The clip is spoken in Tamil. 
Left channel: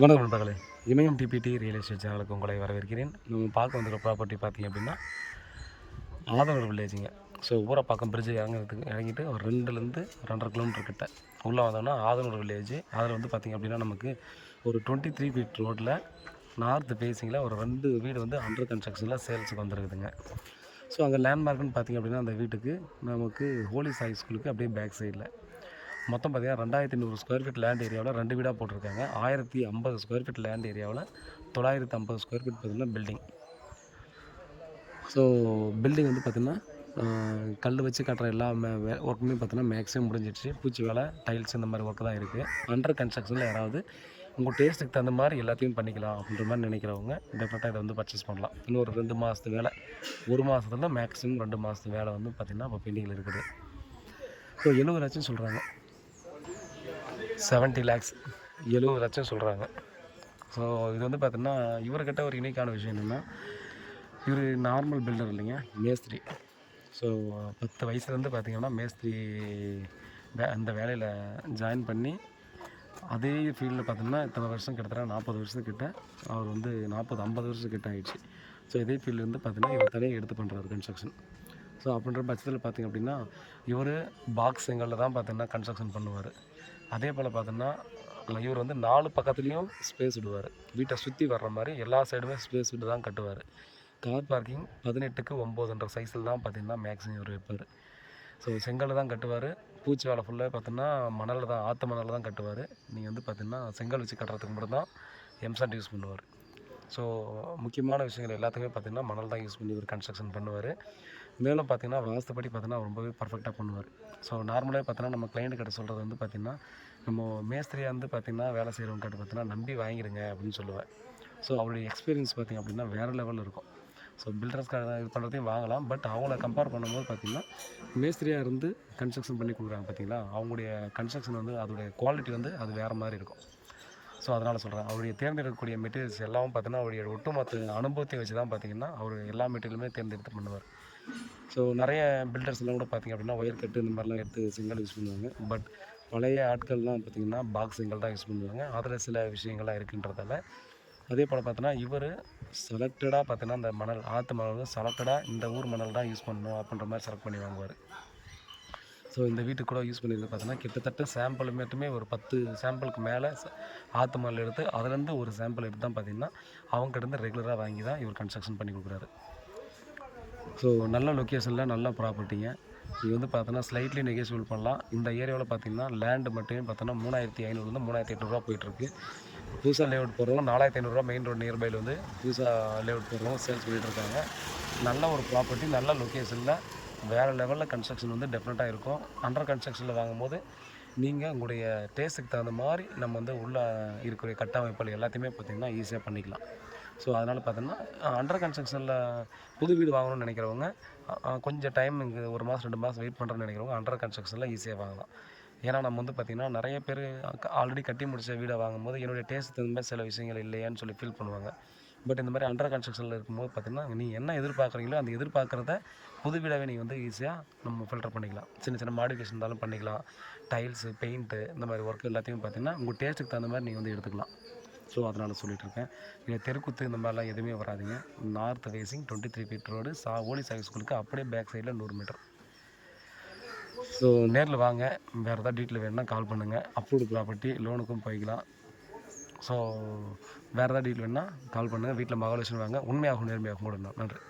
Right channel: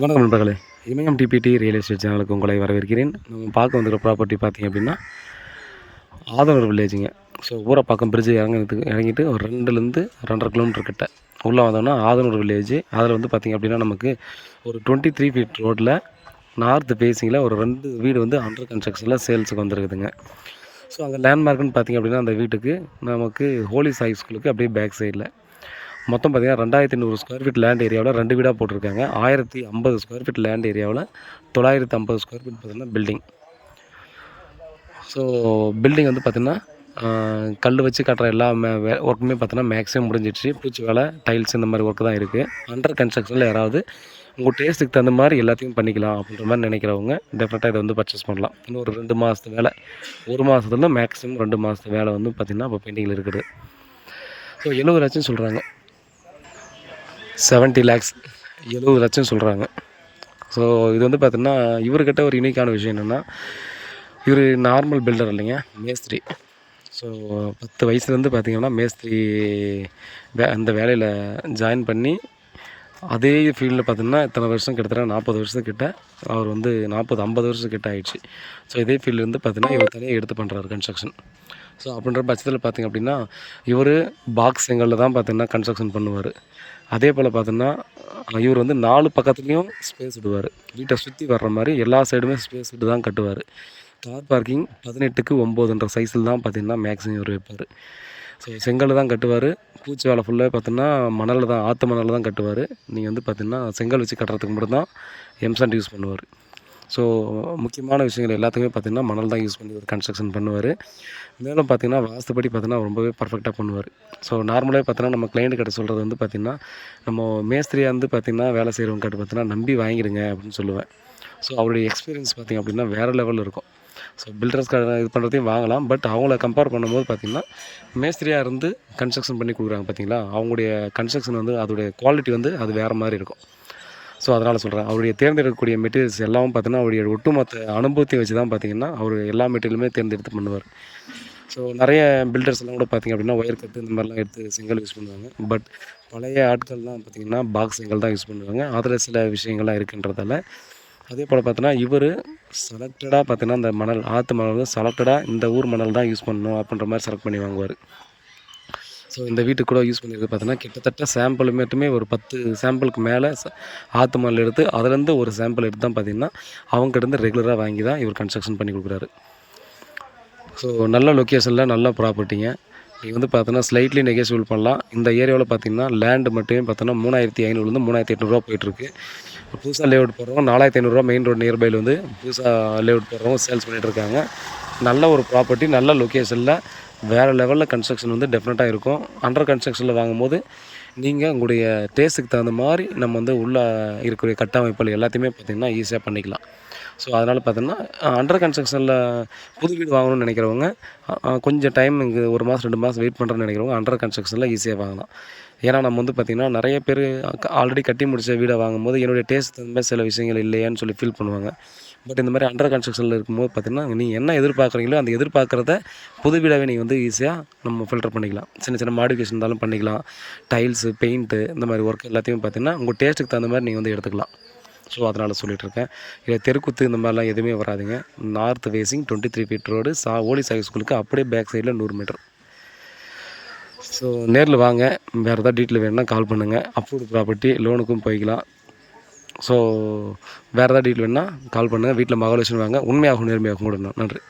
வணக்கம் நண்பர்களே. இமயம் டிபிடி ரியல் எஸ்டேட் சேனலுக்கு உங்களை வரவேற்கிறேன். நம்ம பார்க்க வந்துருக்க ப்ராப்பர்ட்டி பார்த்தீங்க அப்படின்னா, ஆதனூர் வில்லேஜுங்க. ஸோ ஊரப்பாக்கம் பிரிட்ஜ் இறங்கிட்டு ஒரு 2லேருந்து 2½ கிலோமீட்டர் கிட்ட உள்ளே வந்தோம்னா ஆதனூர் வில்லேஜ். அதில் வந்து பார்த்திங்க அப்படின்னா நமக்கு ஒரு 23 ஃபீட் ரோட்டில் நார்த் ஃபேஸிங்கில் ஒரு 2 வீடு வந்து அண்டர் கன்ஸ்ட்ரக்ஷனில் சேல்ஸுக்கு வந்துருக்குதுங்க. ஸோ அங்கே லேண்ட்மார்க்குன்னு பார்த்திங்க அப்படின்னா அந்த வீட்டுக்கு நமக்கு ஹோலி சாய் ஸ்கூலுக்கு அப்படியே பேக் சைடில் மொத்தம் பார்த்திங்கன்னா 2500 ஸ்கொயர் ஃபீட் லேண்ட் ஏரியாவில் 2 வீடாக போட்டிருக்காங்க. 1050 ஸ்கொயர் ஃபீட் லேண்ட் ஏரியாவில் 950 ஸ்கொயர் ஃபீட் பார்த்திங்கன்னா பில்டிங். ஸோ பில்டிங் வந்து பார்த்திங்கன்னா கல் வச்சு கட்டுற எல்லா ஒர்க்குமே பார்த்தீங்கன்னா மேக்ஸிமம் முடிஞ்சிடுச்சு. பூச்சி வேலை, டைல்ஸ் இந்த மாதிரி ஒர்க்கு தான் இருக்குது. அண்டர் கன்ஸ்ட்ரக்ஷனில் யாராவது உங்கள் டேஸ்ட்டுக்கு தகுந்த மாதிரி எல்லாத்தையும் பண்ணிக்கலாம் அப்படின்ற மாதிரி நினைக்கிறவங்க டெஃபினட்டாக இதை வந்து பர்ச்சேஸ் பண்ணலாம். இன்னும் ஒரு 2 மாதத்து வேலை, 1 மாதத்துல மேக்ஸிமம் 2 மாதத்து வேலை வந்து பார்த்திங்கன்னா இப்போ பெண்டிங்கில் இருக்குது. ஸோ 70 லட்சம் சொல்கிறாங்க. 70 லேக்ஸ் 70 லட்சம் சொல்கிறாங்க. ஸோ இது வந்து பார்த்திங்கன்னா இவர்கிட்ட ஒரு யூனிக்கான விஷயம் என்னென்னா, இவர் நார்மல் பில்டர் இல்லைங்க, மேஸ்திரி. ஸோ 10 வயசுலேருந்து பார்த்திங்கன்னா மேஸ்திரி அந்த வேலையில் ஜாயின் பண்ணி அதே ஃபீல்டில் பார்த்திங்கன்னா இத்தனை வருஷம் கிட்டத்தட்ட 40 வருஷத்துக்கிட்ட அவர் வந்து 40-50 வருஷத்துக்கிட்ட ஆகிடுச்சு. ஸோ இதே ஃபீல்டுலேருந்து பார்த்திங்கன்னா இவர் தனியாக எடுத்து பண்ணுறாரு கன்ஸ்ட்ரக்ஷன். ஸோ அப்படின்ற பட்சத்தில் பார்த்திங்க அப்படின்னா இவர் பாக்ஸ் செங்கலில் தான் பார்த்திங்கன்னா கன்ஸ்ட்ரக்ஷன் பண்ணுவார். அதே போல் பார்த்தோன்னா இவர் வந்து 4 பக்கத்துலேயும் ஸ்பேஸ் விடுவார். வீட்டை சுற்றி வர்ற மாதிரி எல்லா சைடுமே ஸ்பேஸ் விட்டு தான் கட்டுவார். கார் பார்க்கிங் 18க்கு 9ன்ற சைஸில் தான் பார்த்திங்கன்னா மேக்ஸிமம் இவர் வைப்பார். ஸோ செங்கல் தான் கட்டுவார். பூச்சி வேலை ஃபுல்லாக பார்த்தோன்னா மணலில் தான், ஆற்று மணலில் தான் கட்டுவார். நீங்கள் வந்து பார்த்திங்கன்னா செங்கல் வச்சு கட்டுறதுக்கு மட்டும் தான் எம்சாண்ட் யூஸ் பண்ணுவார். ஸோ முக்கியமான விஷயங்கள் எல்லாத்துக்குமே பார்த்திங்கன்னா மணல் தான் யூஸ் பண்ணி ஒரு கன்ஸ்ட்ரக்ஷன் பண்ணுவார். மேலும் பார்த்திங்கன்னா வாஸ்துப்படி பார்த்திங்கன்னா ரொம்பவே பர்ஃபெக்டாக பண்ணுவார். ஸோ நார்மலாக பார்த்தோன்னா நம்ம கிளைண்ட் கிட்ட சொல்கிறது வந்து பார்த்திங்கன்னா, நம்ம மேஸ்திரியாக வந்து பார்த்திங்கன்னா வேலை செய்கிறவங்க கிட்ட பார்த்திங்கன்னா நம்பி வாங்கிடுங்க அப்படின்னு சொல்லுவேன். ஸோ அவருடைய எக்ஸ்பீரியன்ஸ் பார்த்திங்க அப்படின்னா வேறு லெவலில் இருக்கும். ஸோ பில்டர்ஸ் இது பண்ணுறதையும் வாங்கலாம். பட் அவங்கள கம்பேர் பண்ணும்போது பார்த்திங்கன்னா மேஸ்திரியாக இருந்து கன்ஸ்ட்ரக்ஷன் பண்ணி கொடுக்குறாங்க பார்த்திங்களா, அவங்களுடைய கன்ஸ்ட்ரக்ஷன் வந்து அதோடைய குவாலிட்டி வந்து அது வேறு மாதிரி இருக்கும். ஸோ அதனால் சொல்கிறேன், அவருடைய தேர்ந்தெடுக்கக்கூடிய மெட்டீரியல்ஸ் எல்லாமே பார்த்தீங்கன்னா அவருடைய ஒட்டுமொத்த அனுபவத்தை வச்சு தான் பார்த்திங்கன்னா அவர் எல்லா மெட்டீரியலுமே தேர்ந்தெடுத்து பண்ணுவார். ஸோ நிறைய பில்டர்ஸ் எல்லாம் கூட பார்த்திங்க அப்படின்னா ஒயர் கட்டு இந்த மாதிரிலாம் எடுத்து செங்கல் யூஸ் பண்ணுவாங்க. பட் பழைய ஆட்கள்லாம் பார்த்திங்கன்னா பாக்ஸ் செங்கல் தான் யூஸ் பண்ணுவாங்க. அதில் சில விஷயங்கள்லாம் இருக்குன்றதால அதே போல் பார்த்தோன்னா இவர் செலக்டடாக பார்த்தீங்கன்னா இந்த மணல், ஆற்று மணல் வந்து செலக்டடாக இந்த ஊர் மணல் தான் யூஸ் பண்ணணும் அப்படின்ற மாதிரி செலக்ட் பண்ணி வாங்குவார். ஸோ இந்த வீட்டுக்கு கூட யூஸ் பண்ணியிருக்கு பார்த்தீங்கன்னா கிட்டத்தட்ட சாம்பிள் மட்டுமே ஒரு 10 சாம்பிளுக்கு மேலே ஆற்று மணல் எடுத்து அதுலேருந்து ஒரு சாம்பிள் எடுத்து தான் பார்த்திங்கன்னா அவங்ககிட்ட ரெகுலராக வாங்கி தான் இவர் கன்ஸ்ட்ரக்ஷன் பண்ணி கொடுக்குறாரு. ஸோ நல்ல லொக்கேஷனில் நல்ல ப்ராப்பர்ட்டிங்க. நீங்கள் வந்து பார்த்தோன்னா ஸ்லைட்லி நெகோசியபிள் பண்ணலாம். இந்த ஏரியாவில் பார்த்திங்கன்னா லேண்டு மட்டுமே பார்த்தோன்னா 3500லேருந்து 3800 போயிட்டுருக்கு. புதுசாக லேஅவுட் போடுறவங்க 4500 மெயின் ரோடு நியர்பையில் வந்து புதுசாக லேஅவுட் போடுறவங்க சேல்ஸ் பண்ணிகிட்ருக்காங்க. நல்ல ஒரு ப்ராப்பர்ட்டி, நல்ல லொக்கேஷனில் வேறு லெவலில் கன்ஸ்ட்ரக்ஷன் வந்து டெஃபினட்டாக இருக்கும். அண்டர் கன்ஸ்ட்ரக்ஷனில் வாங்கும்போது நீங்கள் உங்களுடைய டேஸ்ட்டுக்கு தகுந்த மாதிரி நம்ம வந்து உள்ளே இருக்கிற கட்டமைப்புகள் எல்லாத்தையுமே பார்த்திங்கன்னா ஈஸியாக பண்ணிக்கலாம். ஸோ அதனால் பார்த்தோன்னா அண்டர் கன்ஸ்ட்ரக்ஷனில் புது வீடு வாங்கணும்னு நினைக்கிறவங்க கொஞ்சம் டைம் இங்கே 1 மாதம் 2 மாதம் வெயிட் பண்ணுறேன்னு நினைக்கிறவங்க அண்டர் கன்ஸ்ட்ரக்ஷனில் ஈஸியாக வாங்கலாம். ஏன்னா நம்ம வந்து பார்த்திங்கன்னா நிறைய பேர் ஆல்ரெடி கட்டி முடித்த வீடை வாங்கும்போது என்னுடைய டேஸ்ட் தகுந்த மாதிரி சில விஷயங்கள் இல்லையான்னு சொல்லி ஃபீல் பண்ணுவாங்க. பட் இந்த மாதிரி அண்டர் கன்ஸ்ட்ரக்ஷனில் இருக்கும்போது பார்த்திங்கன்னா நீங்கள் என்ன எதிர்பார்க்குறீங்களோ அந்த எதிர்பார்க்குறத புது வீடாகவே நீங்கள் வந்து ஈஸியாக நம்ம ஃபில்டர் பண்ணிக்கலாம். சின்ன சின்ன மாடிஃபிகேஷன் இருந்தாலும் பண்ணிக்கலாம். டைல்ஸு, பெயிண்ட்டு இந்த மாதிரி ஒர்க் எல்லாத்தையும் பார்த்திங்கன்னா உங்கள் டேஸ்ட்டுக்கு தகுந்த மாதிரி நீங்கள் வந்து எடுத்துக்கலாம். ஸோ அதனால் சொல்லிகிட்ருக்கேன். இல்லை தெருக்குத்து இந்த மாதிரிலாம் எதுவுமே வராதுங்க. நார்த் ஃபேஸிங் 23 ஃபீட் ரோடு ஓலி சாய் ஸ்கூலுக்கு அப்படியே பேக் சைடில் 100 மீட்டர். ஸோ நேரில் வாங்க. வேறு ஏதாவது டீட்டெயில் வேணும்னா கால் பண்ணுங்கள். அப்ரூவ்டு ப்ராப்பர்ட்டி, லோனுக்கும் போய்க்கலாம். ஸோ வேறு ஏதாவது டீட்டெயில் வேணும்னா கால் பண்ணுங்கள். வீட்டில் மகாலட்சுமி வாங்க. உண்மையாகவும் நேர்மையாகவும் கூட நன்றி.